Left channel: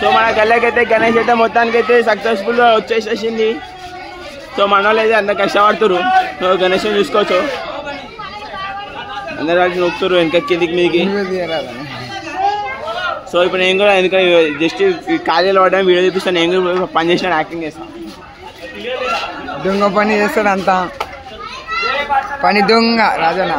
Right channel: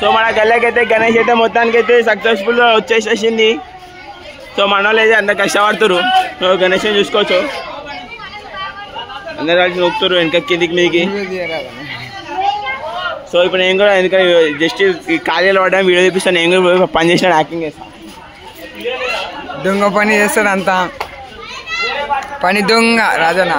So మన గల్లకైతే గణేష్ అయితే మొత్తానికైతే సక్సెస్ఫుల్ వచ్చేసేసింది. సో మన వాళ్ళు అయితే అందరు కష్టపడుతురు. సో గణేష్ని చూసుకోవచ్చు, అందరు కలిసి నొక్కుతారు వెనక కిందికి మీదికి. సో ఇప్పుడు నేను కూడా ఎందుకంటే జస్ట్ ఖాళీలో పడ్డా వీడియో చూపిస్తాను. నేను కూడా పని చేసిన యాక్టింగ్ చేస్తాను. దొంగ పని చేస్తాడు అంతా, పని దొంగ రాజన్న.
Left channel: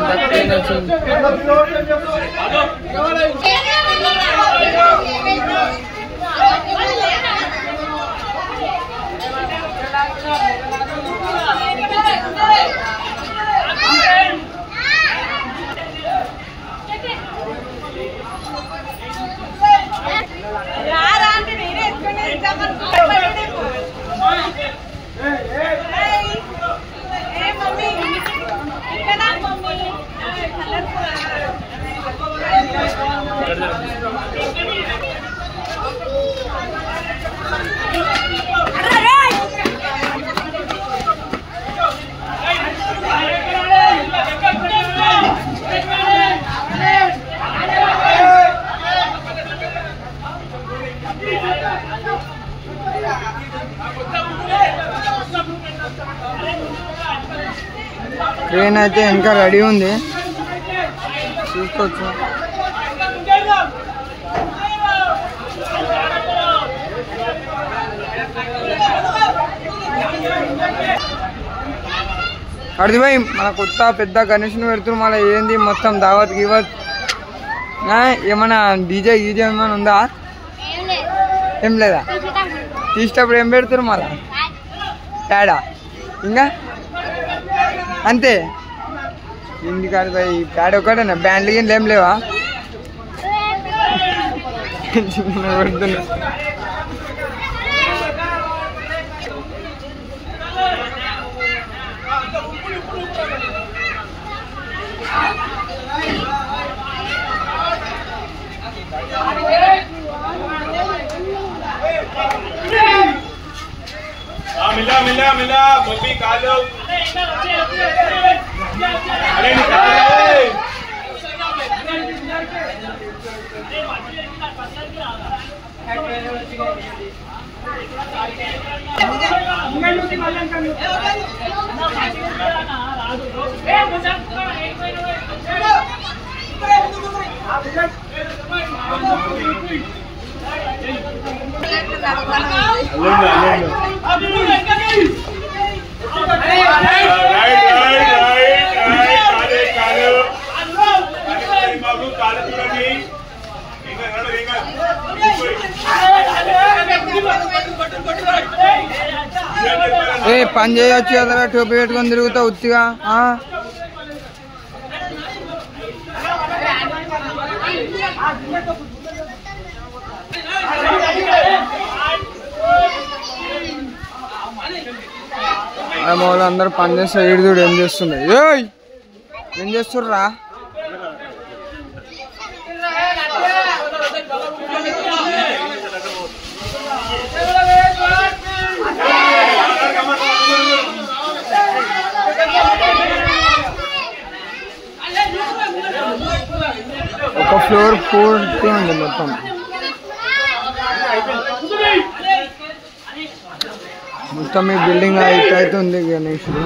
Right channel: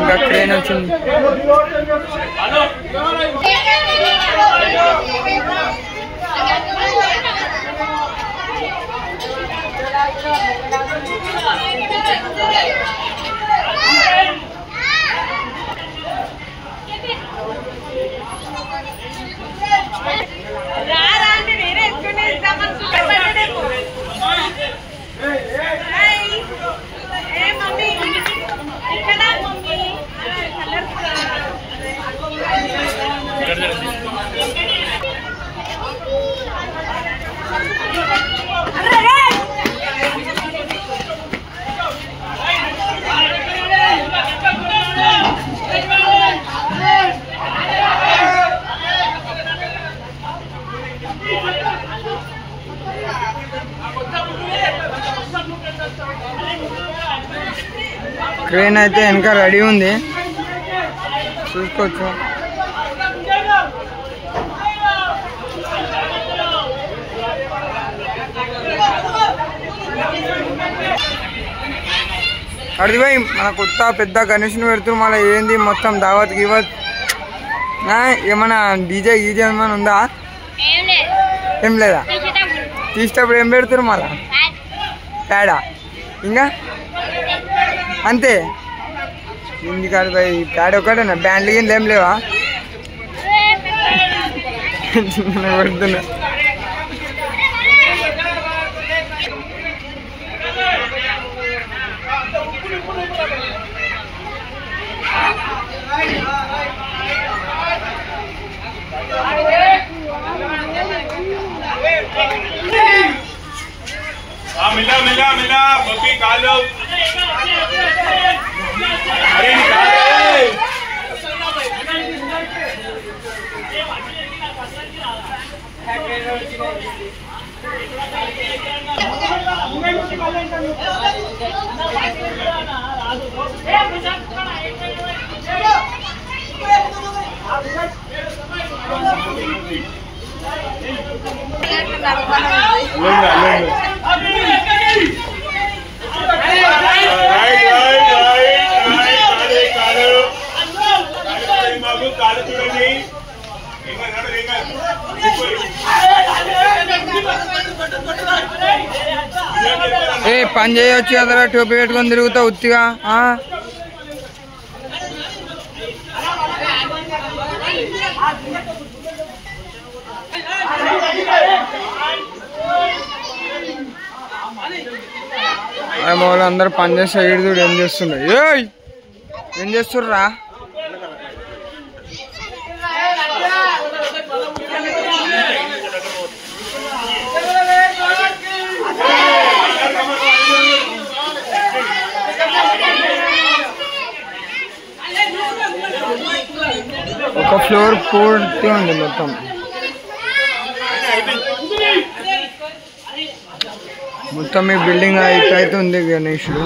ఇంకా ట్రైన్ వచ్చింది. ట్రైన్ అయితే ఇంకా రెడీ ఉంది, చూసుకోవచ్చు. అడిగిపోయి మన కొత్త పెద్ద గణేష్ని పెడుతున్నారు. మళ్ళీ ఏంది మొత్తం దావత్ గివత్ ఏమన్నా డీజే గీజే ఏమైనా ఉందా? ఏం లేదా? తీసేటప్పుడు ఏం పెడుతురు మళ్ళా? ప్యాడా ఇంకా అంతే. ఇంటి కాదు పోయి ప్యాడ్ ఒకటేనా? బ్యాండ్లు గిన్నెలు ఏం లేవా? పెడుతున్నా. मिला मिला मिला बब्बी कालो अरे ఏ పని చేయొచ్చు కదరా, టోపీ పెట్టుకొని తిరుగుతావు ఉత్తిగా. అందరు పని చేస్తే వీడు ఏం చేస్తుండే, ఏం చేస్తుర్రా? ఒక ఫ్లోర్ పూర్తి ఉంది మొత్తం. మొత్తం ఈ బిల్డింగ్ అయితే ఉంది గణేషుడు.